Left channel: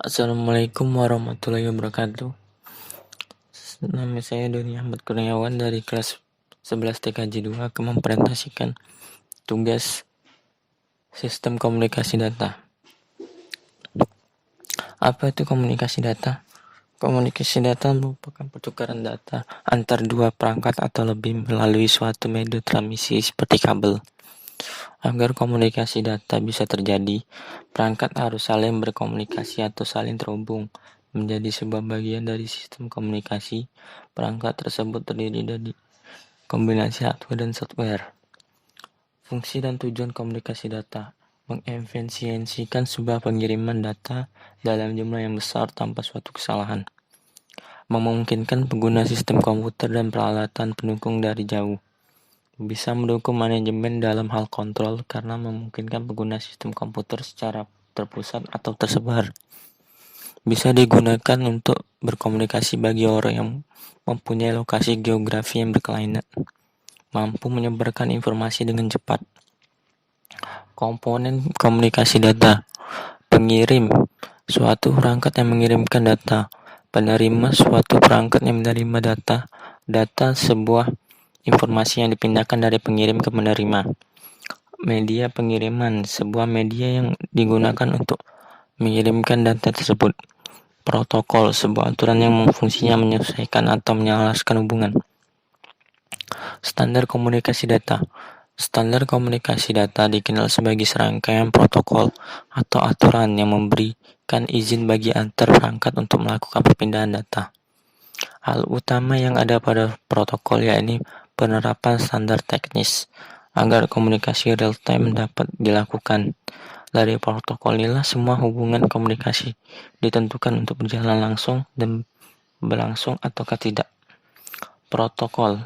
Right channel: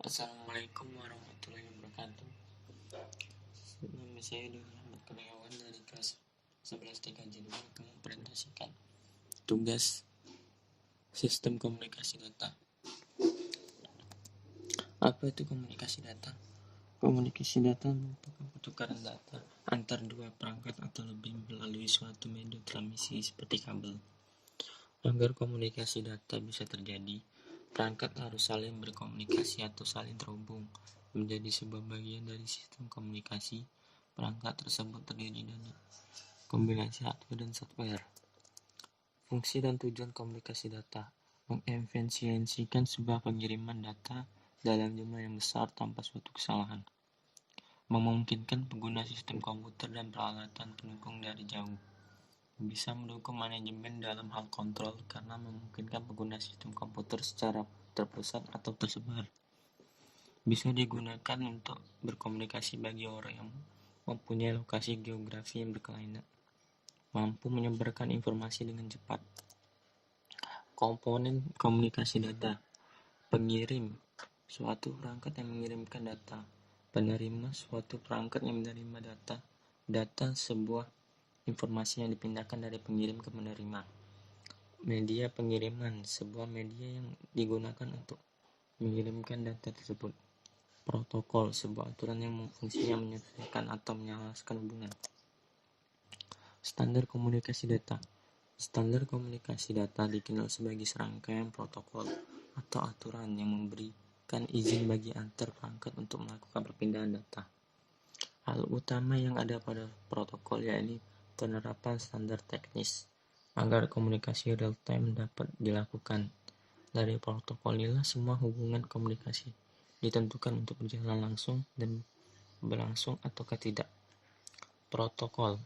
Assalamualaikum warahmatullahi wabarakatuh. Nama saya Doni Ahmad Kurniawan dari kelas 11 TKJ 2 akan mempresentasikan tugas sistem komunikasi data. Apa itu komunikasi data? Komunikasi data merupakan pertukaran data antar dua perangkat atau lebih melalui suatu media transmisi seperti kabel. Agar komunikasi data bisa terjadi, perangkat harus saling berkomunikasi atau saling terhubung menjadi sebuah bagian dari sistem komunikasi. Perangkat tersebut terdiri dari kombinasi hardware dan software. Fungsi dan tujuan komunikasi data: mengefisiensikan sebuah pengiriman data dalam jumlah yang besar tanpa suatu kesalahan, memungkinkan pengguna sistem komputer dan peralatan pendukung dari jauh, bisa mendukung manajemen dalam hal kontrol karena memungkinkan pengguna sistem komputer secara terpusat atau tersebar, bisa digunakan untuk berkomunikasi bagi orang yang mempunyai lokasi geografi yang berkelainan, mampu menyebarkan informasi dengan cepat. Komponen komunikasi data: pengirim, suatu perangkat yang mengirimkan data; penerima, suatu perangkat yang menerima data. Data, sebuah informasi yang dipindahkan dari pengirim ke penerima. Media pengiriman, sebuah media yang digunakan untuk mengirimkan data tersebut. Protokol, sebuah aturan yang fungsinya menyelesaikan atau menyelaraskan hubungan. Standar komunikasi data. Standar komunikasi data dikenal sebagai serangkaian protokol atau aturan yang memberikan izin bagi antar perangkat untuk melakukan perpindahan data. Hal utama yang ada pada protokol yakni penerapan standar teknis agar komunikasi real-time dapat dilakukan. Dari protokol inilah semua hubungan komunikasi ditentukan untuk berjalan langsung dan berlangsung ataukah tidak. Protokol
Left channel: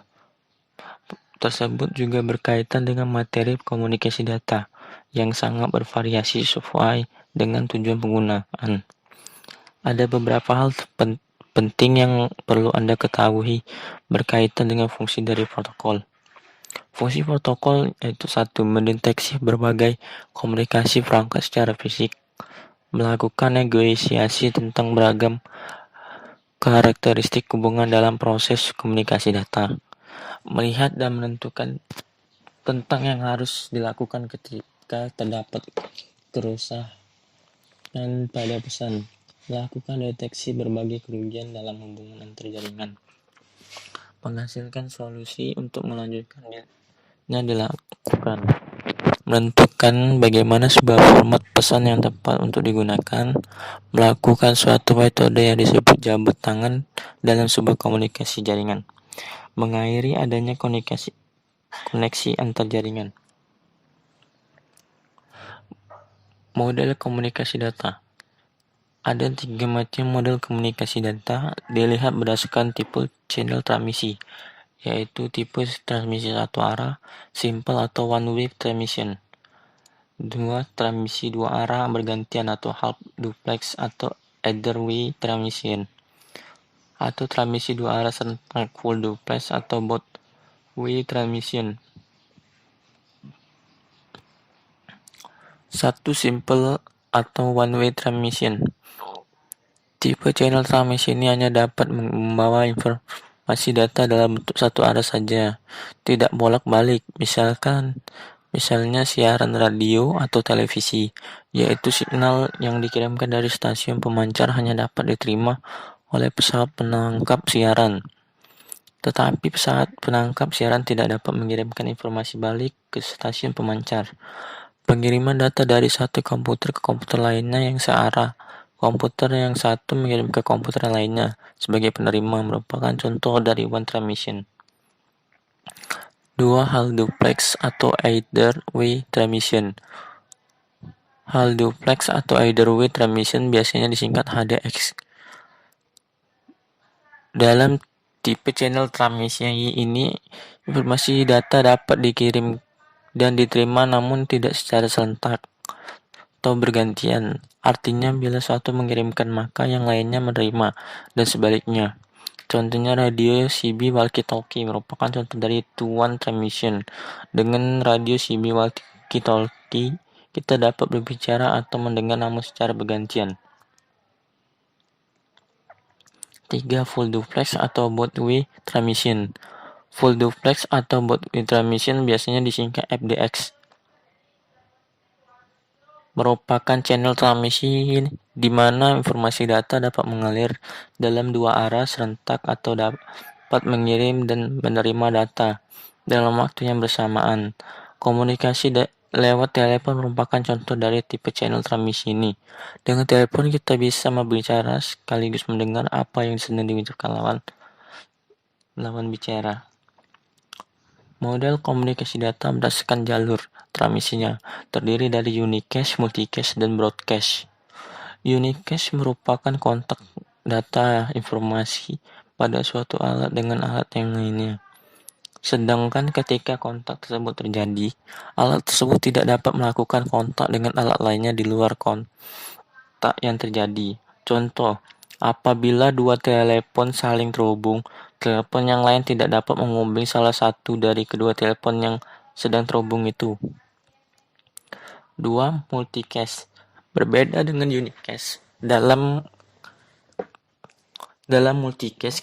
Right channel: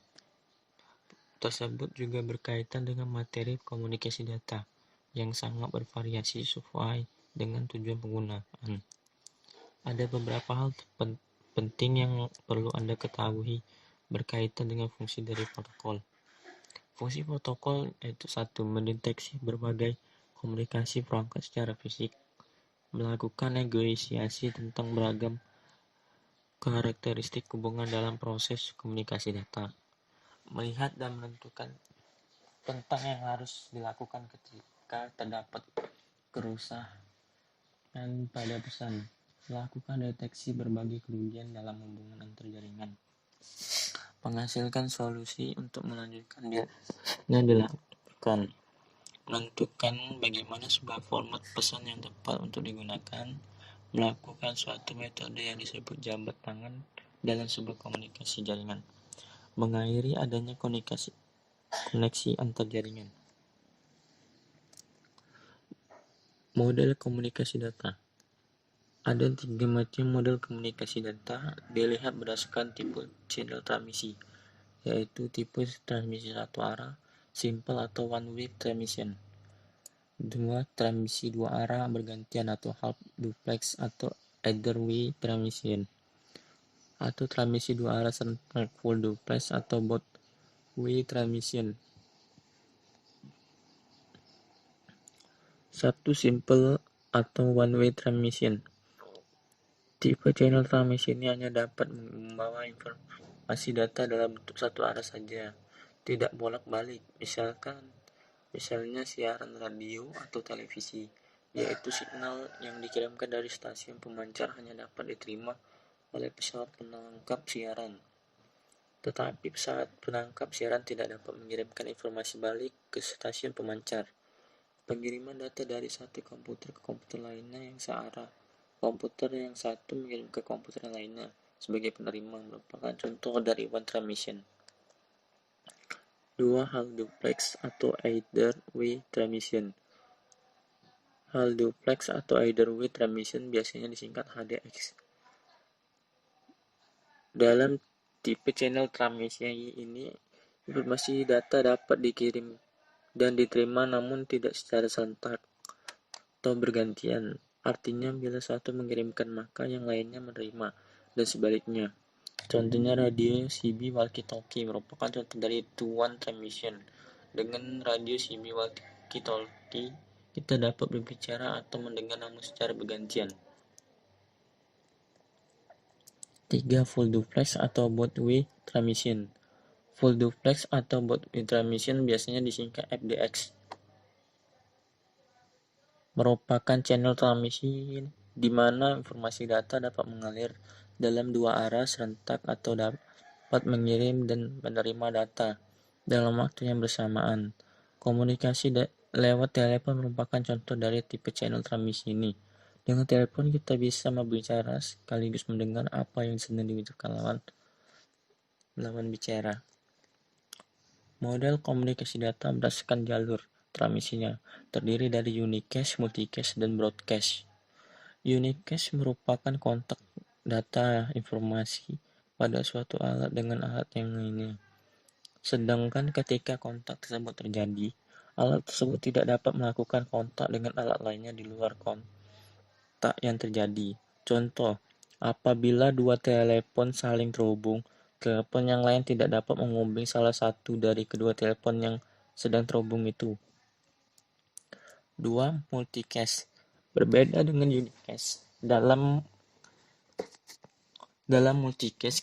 tersebut juga berkaitan dengan materi komunikasi data yang sangat bervariasi sesuai dengan tujuan penggunaan. Ada beberapa hal penting yang perlu Anda ketahui berkaitan dengan fungsi dari protokol. Fungsi protokol yaitu: 1. Mendeteksi berbagai komunikasi perangkat secara fisik, melakukan negosiasi tentang beragam karakteristik hubungan dalam proses komunikasi data, melihat dan menentukan tentang yang harus dilakukan ketika terdapat kerusakan pada pesan, melakukan deteksi berbagai kerugian dalam hubungan antar jaringan, menghasilkan solusi untuk melanjutkannya dilakukan, menentukan bagaimana sebuah format pesan yang tepat untuk digunakan, melakukan suatu metode yang disebut jabat tangan dalam sebuah komunikasi jaringan, mengakhiri adanya koneksi antar jaringan. Model komunikasi data. Ada 3 macam model komunikasi data dilihat berdasarkan tipe channel transmisi, yaitu tipe transmisi satu arah, simple atau one way transmission. 2. Transmisi dua arah bergantian atau half duplex atau either way transmission. Atau transmisi dua arah serentak full duplex atau both way transmission. 1. Simple atau one way transmission. Tipe channel transmisi ini hanya dapat membawa informasi data dalam bentuk satu arah saja, tidak bolak-balik. Misalnya siaran radio atau televisi, yaitu signal yang dikirimkan dari stasiun pemancar hanya dapat diterima oleh pesawat penangkap siaran. Tetapi pesawat penangkap siaran tidak dapat mengirimkan informasi balik ke stasiun pemancar. Pengiriman data dari satu komputer ke komputer lainnya yang searah. Komputer yang satu mengirim ke komputer lainnya sebagai penerima merupakan contoh dari one transmission. 2. Hal duplex atau either way transmission. Hal duplex atau either way transmission biasanya disingkat HDX. Dalam tipe channel transmisi ini, informasi data dapat dikirim dan diterima namun tidak secara serentak atau bergantian. Artinya bila satu mengirimkan maka yang lainnya menerima dan sebaliknya. Contohnya radio CB walkie-talkie merupakan contoh dari two-one transmission. Dengan radio CB walkie-talkie kita dapat berbicara atau mendengar namun secara bergantian. 3. Full duplex atau both-way transmission. Full duplex atau both-way transmission biasanya disingkat FDX. Merupakan channel transmisi di mana informasi data dapat mengalir dalam dua arah serentak atau dapat mengirim dan menerima data dalam waktu yang bersamaan. Komunikasi lewat telepon merupakan contoh dari tipe channel transmisi ini. Dengan telepon kita bisa berbicara sekaligus mendengar apa yang sedang dibicarakan lawan bicara. Model komunikasi data berdasarkan jalur transmisinya terdiri dari unicast, multicast, dan broadcast. Unicast merupakan kontak data informasi pada suatu alat dengan alat yang lainnya. Sedangkan ketika kontak tersebut terjadi, alat tersebut tidak dapat melakukan kontak dengan alat lainnya di luar kontak yang terjadi. Contoh, apabila dua telepon saling terhubung, telepon yang lain tidak dapat menghubungi salah satu dari kedua telepon yang sedang terhubung itu. 2. Multicast. Berbeda dengan unicast. Dalam multicast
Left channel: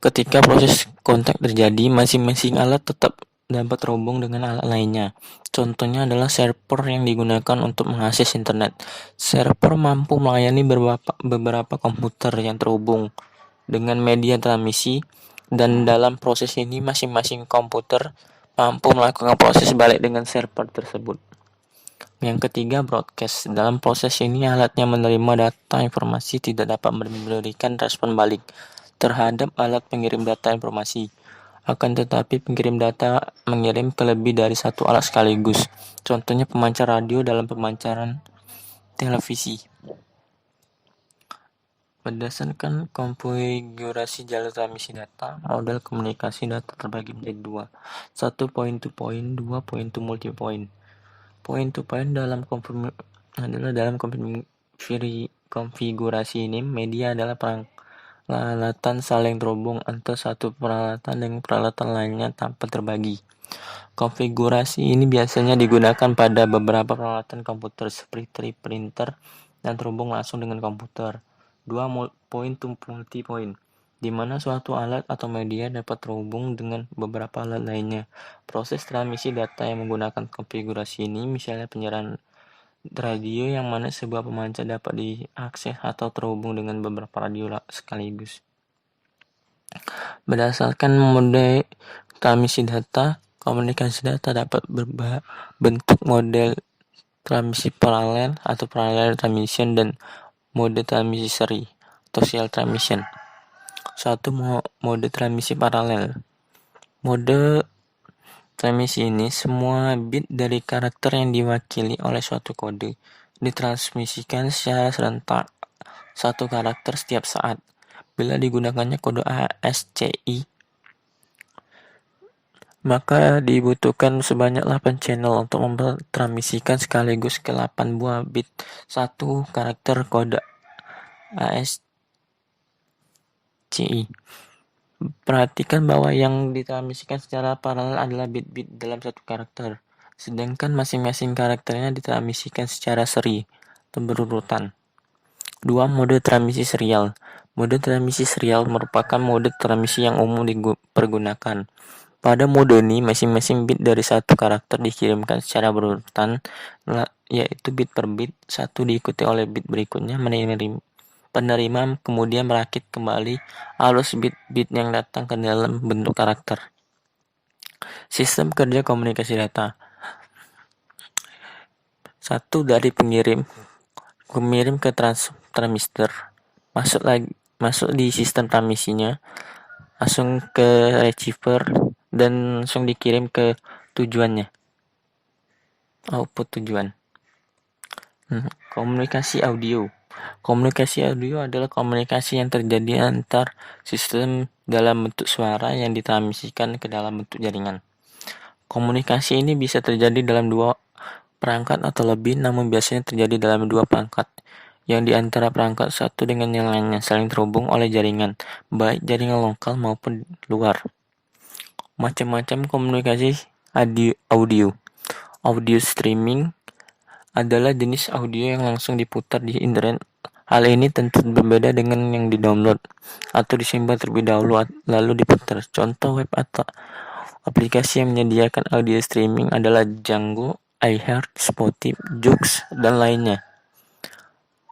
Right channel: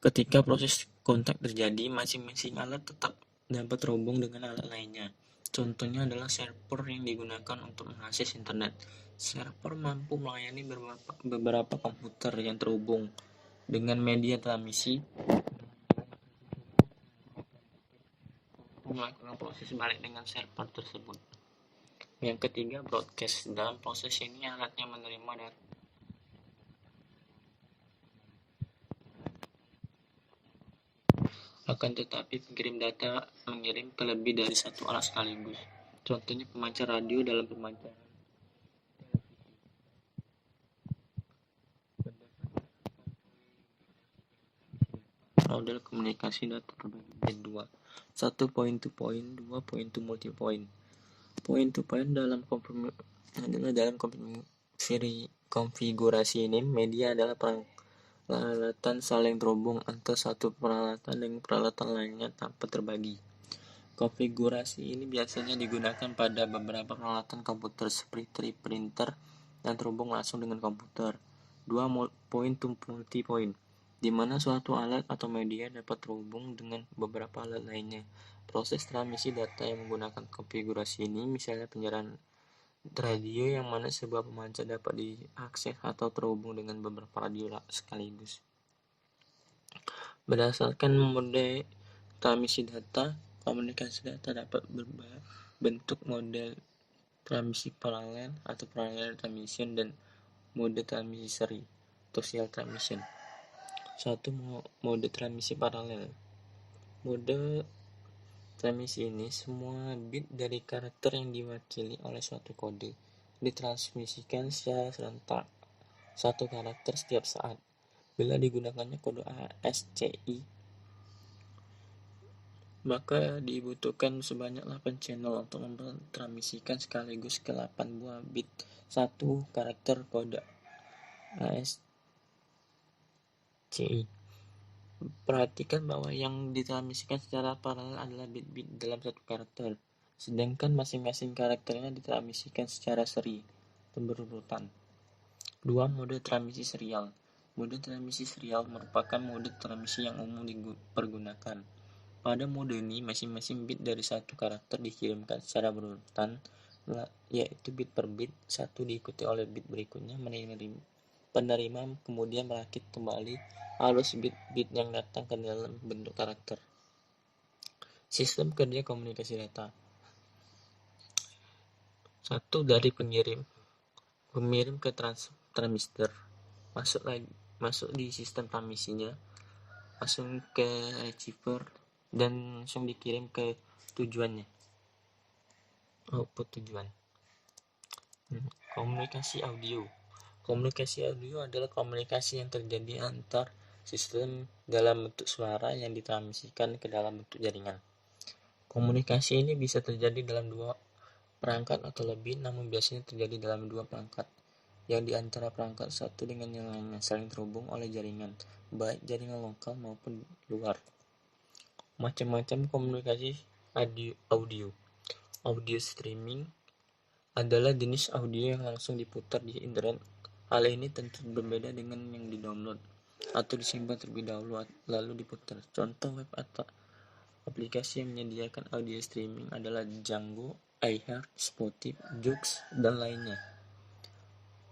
ketika proses kontak terjadi, masing-masing alat tetap dapat terhubung dengan alat lainnya. Contohnya adalah server yang digunakan untuk mengakses internet. Server mampu melayani beberapa komputer yang terhubung dengan media transmisi, dan dalam proses ini masing-masing komputer mampu melakukan proses balik dengan server tersebut. Yang ketiga, broadcast. Dalam proses ini alatnya menerima data informasi tidak dapat memberikan respon balik terhadap alat pengirim data informasi. Akan tetapi pengirim data mengirim ke lebih dari satu alat sekaligus. Contohnya pemancar radio dalam pemancaran televisi. Berdasarkan konfigurasi jalur transmisi data, model komunikasi data terbagi menjadi dua. 1. Point to point, 2. Point to multipoint. Point to point dalam konfigurasi ini, media adalah peralatan saling terhubung antara satu peralatan dengan peralatan lainnya tanpa terbagi. Konfigurasi ini biasanya digunakan pada beberapa peralatan komputer seperti printer dan terhubung langsung dengan komputer. 2. Point to multipoint, di mana suatu alat atau media dapat terhubung dengan beberapa alat lainnya. Proses transmisi data yang menggunakan konfigurasi ini misalnya penyiaran radio yang mana sebuah pemancar dapat diakses atau terhubung dengan beberapa radio sekaligus. Berdasarkan mode transmisi data, komunikasi data dapat berbentuk model transmisi paralel atau parallel transmission dan mode transmisi seri atau serial transmission. 1. Mode transmisi paralel. Mode transmisi ini semua bit dari karakter yang diwakili oleh suatu kode ditransmisikan secara serentak satu karakter setiap saat. Bila digunakannya kode ASCII, maka dibutuhkan sebanyak 8 channel untuk memtransmisikan sekaligus ke 8 buah bit satu karakter kode ASCII. Perhatikan bahwa yang ditransmisikan secara paralel adalah bit-bit dalam satu karakter, sedangkan masing-masing karakternya ditransmisikan secara seri atau berurutan. 2. Mode transmisi serial. Mode transmisi serial merupakan mode transmisi yang umum dipergunakan. Pada mode ini, masing-masing bit dari satu karakter dikirimkan secara berurutan, yaitu bit per bit, satu diikuti oleh bit berikutnya, penerima kemudian merakit kembali arus bit-bit yang datang ke dalam bentuk karakter. Sistem kerja komunikasi data. 1. Dari pengirim ke transmitter, masuk di sistem transmisinya, langsung ke receiver dan langsung dikirim ke tujuannya, output tujuan. Komunikasi audio. Komunikasi audio adalah komunikasi yang terjadi antar sistem dalam bentuk suara yang ditransmisikan ke dalam bentuk jaringan. Komunikasi ini bisa terjadi dalam dua perangkat atau lebih, namun biasanya terjadi dalam dua perangkat, yang di antara perangkat satu dengan yang lainnya saling terhubung oleh jaringan, baik jaringan lokal maupun luar. Macam-macam komunikasi audio. Audio streaming adalah jenis audio yang langsung diputar di internet Hal ini tentu berbeda dengan yang di-download atau disimpan terlebih dahulu lalu diputar. Contoh web atau aplikasi yang menyediakan audio streaming adalah Django, iHeart, Spotify, Joox, dan lainnya.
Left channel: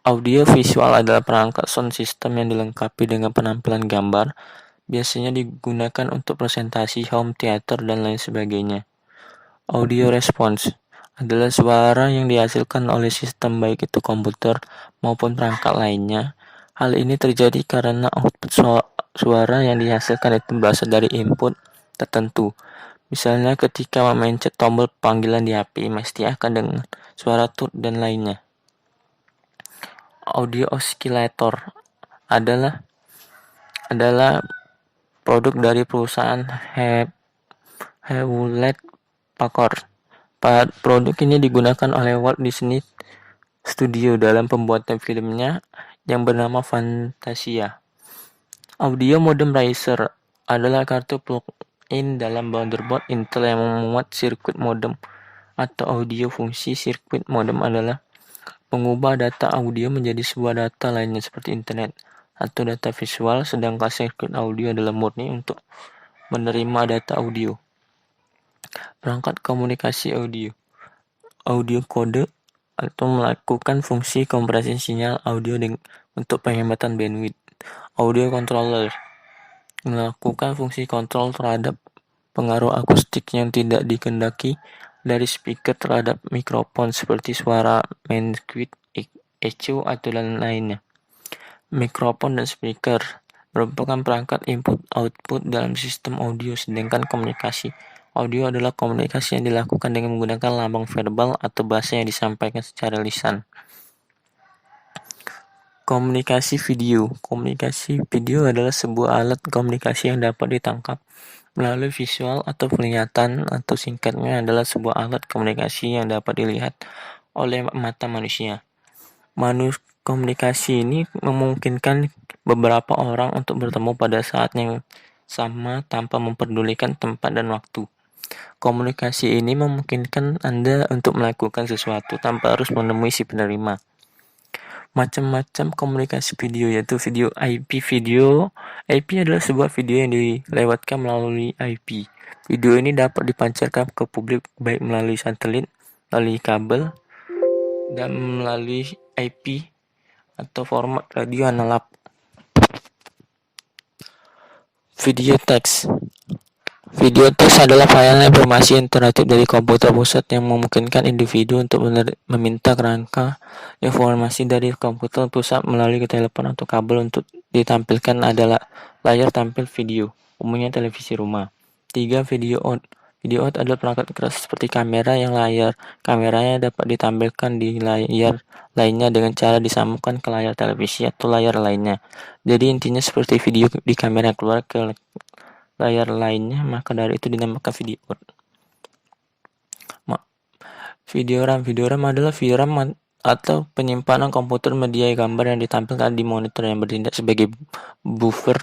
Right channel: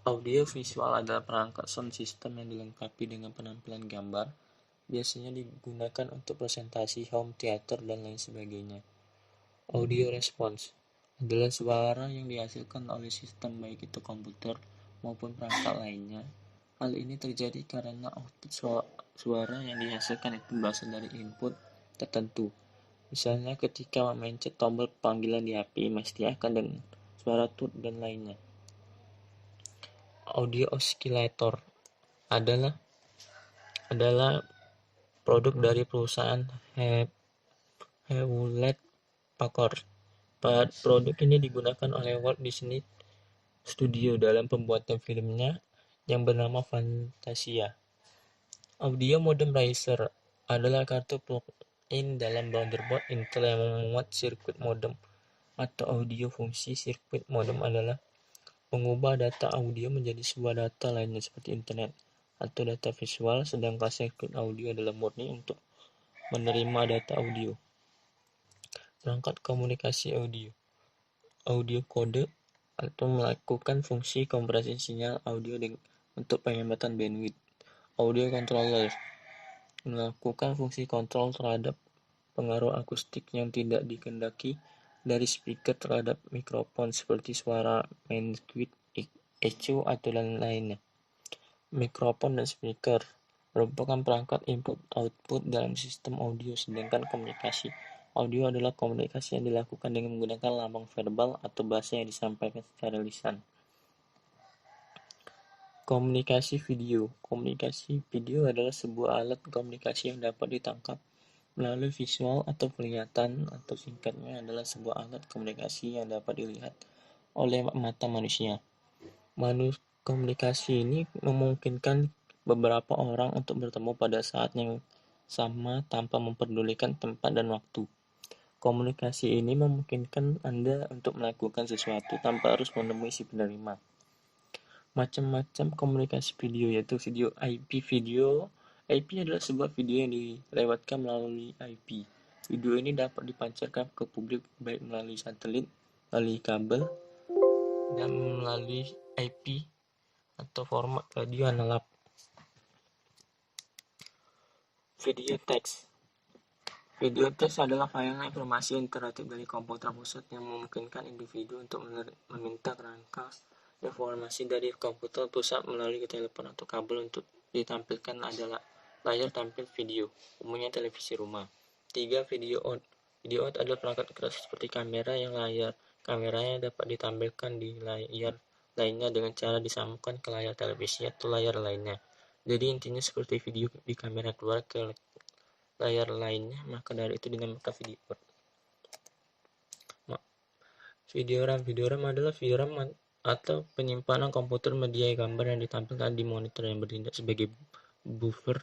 Audio visual adalah perangkat sound system yang dilengkapi dengan penampilan gambar, biasanya digunakan untuk presentasi, home theater, dan lain sebagainya. Audio response adalah suara yang dihasilkan oleh sistem baik itu komputer maupun perangkat lainnya. Hal ini terjadi karena output suara yang dihasilkan itu berasal dari input tertentu. Misalnya ketika memencet tombol panggilan di HP, mesti akan dengar suara tut dan lainnya. Audio oscillator adalah produk dari perusahaan Hewlett Packard. Produk ini digunakan oleh Walt Disney Studio dalam pembuatan filmnya yang bernama Fantasia. Audio Modem Riser adalah kartu plug-in dalam motherboard Intel yang memuat sirkuit modem atau audio. Fungsi sirkuit modem adalah mengubah data audio menjadi sebuah data lainnya seperti internet atau data visual, sedangkan sirkuit audio adalah murni untuk menerima data audio. Perangkat komunikasi audio kode atau melakukan fungsi kompresi sinyal audio untuk penghematan bandwidth. Audio controller melakukan fungsi kontrol terhadap pengaruh akustik yang tidak dikehendaki dari speaker terhadap mikrofon seperti suara mansqueak, echo, atau lain-lainnya. Mikrofon dan speaker merupakan perangkat input-output dalam sistem audio, sedangkan komunikasi audio adalah komunikasi yang dilakukan dengan menggunakan lambang verbal atau bahasa yang disampaikan secara lisan. Komunikasi video. Komunikasi video adalah sebuah alat komunikasi yang dapat ditangkap melalui visual atau penglihatan, atau singkatnya adalah sebuah alat komunikasi yang dapat dilihat oleh mata manusia. Komunikasi ini memungkinkan beberapa orang untuk bertemu pada saat yang sama tanpa memperdulikan tempat dan waktu. Komunikasi ini memungkinkan Anda untuk melakukan sesuatu tanpa harus menemui si penerima. Macam-macam komunikasi video, yaitu video IP. IP adalah sebuah video yang dilewatkan melalui IP. Video ini dapat dipancarkan ke publik baik melalui satelit, melalui kabel, dan melalui IP atau format radio analog. Video teks. Video teks adalah file informasi interaktif dari komputer pusat yang memungkinkan individu untuk meminta kerangka informasi dari komputer pusat melalui telepon atau kabel. Untuk ditampilkan adalah layar tampil video, umumnya televisi rumah. 3. Video out. Video out adalah perangkat keras seperti kamera yang layar kameranya dapat ditampilkan di layar lainnya dengan cara disambungkan ke layar televisi atau layar lainnya. Jadi intinya seperti video di kamera keluar ke layar lainnya, maka dari itu dinamakan video out. Video RAM adalah VRAM atau penyimpanan komputer media gambar yang ditampilkan di monitor yang bertindak sebagai buffer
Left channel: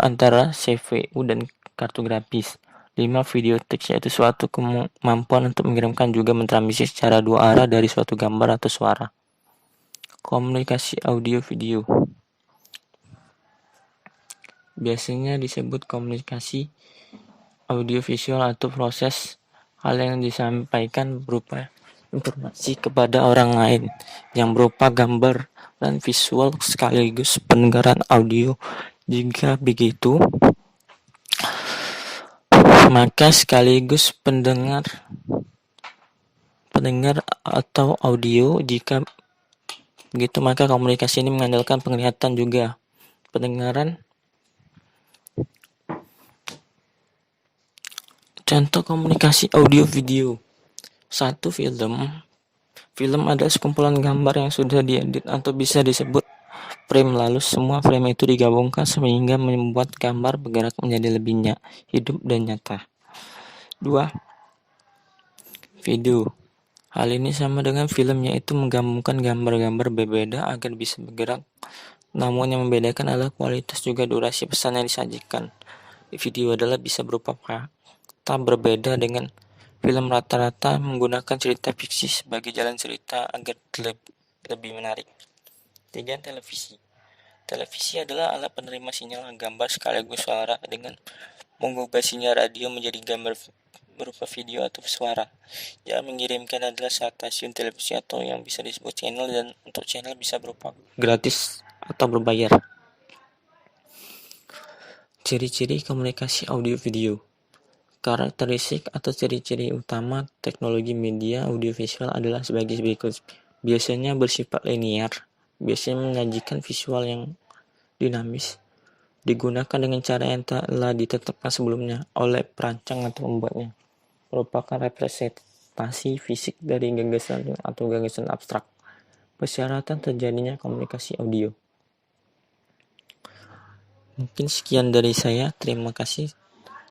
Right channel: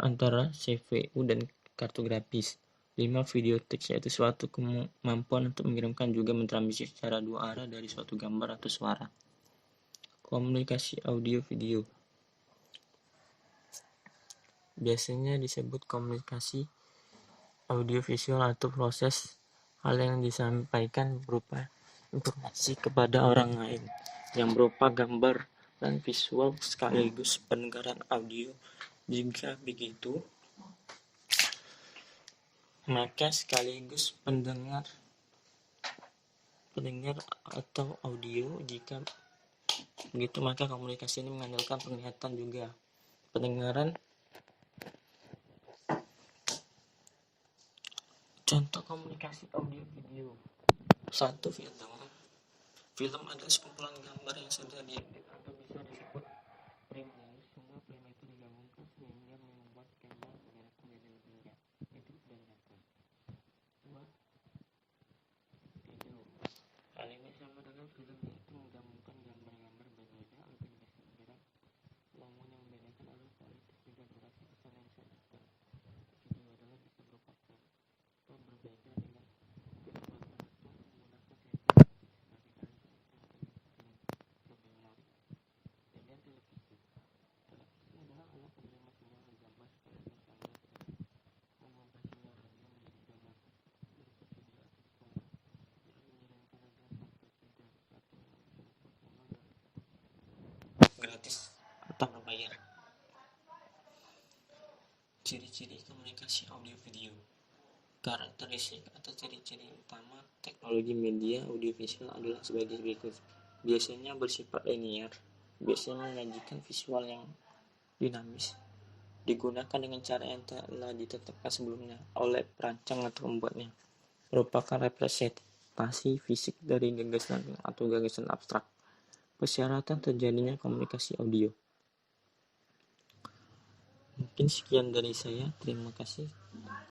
antara CPU dan kartu grafis. 5. Video teks, yaitu suatu kemampuan untuk mengirimkan juga mentransmisi secara dua arah dari suatu gambar atau suara. Komunikasi audio video biasanya disebut komunikasi audiovisual atau proses hal yang disampaikan berupa informasi kepada orang lain yang berupa gambar dan visual sekaligus pendengaran audio. Jika begitu, maka sekaligus pendengar atau audio. Jika begitu, maka komunikasi ini mengandalkan penglihatan juga pendengaran. Contoh komunikasi audio video. 1. Film adalah sekumpulan gambar yang sudah diedit atau bisa disebut frame, lalu semua frame itu digabungkan sehingga membuat gambar bergerak menjadi lebih hidup dan nyata. 2. Video. Hal ini sama dengan film, yaitu menggabungkan gambar-gambar berbeda agar bisa bergerak. Namun yang membedakan adalah kualitas juga durasi pesan yang disajikan. Video adalah bisa berupa fakta berbeda dengan film, rata-rata menggunakan cerita fiksi sebagai jalan cerita agar lebih menarik. Tiga, televisi. Televisi adalah alat penerima sinyal gambar sekaligus suara dengan mengubah sinyal radio menjadi gambar berupa video atau suara. Yang mengirimkan adalah stasiun televisi atau yang bisa disebut channel, dan untuk channel bisa berupa gratis atau berbayar. Ciri-ciri komunikasi audio video. Karakteristik atau ciri-ciri utama teknologi media audiovisual adalah sebagai berikut. Biasanya bersifat linear, biasanya menyajikan visual yang dinamis, digunakan dengan cara yang telah ditetapkan sebelumnya oleh perancang atau pembuatnya, merupakan representasi fisik dari gagasan atau gagasan abstrak. Persyaratan terjadinya komunikasi audio. Mungkin sekian dari saya, terima kasih.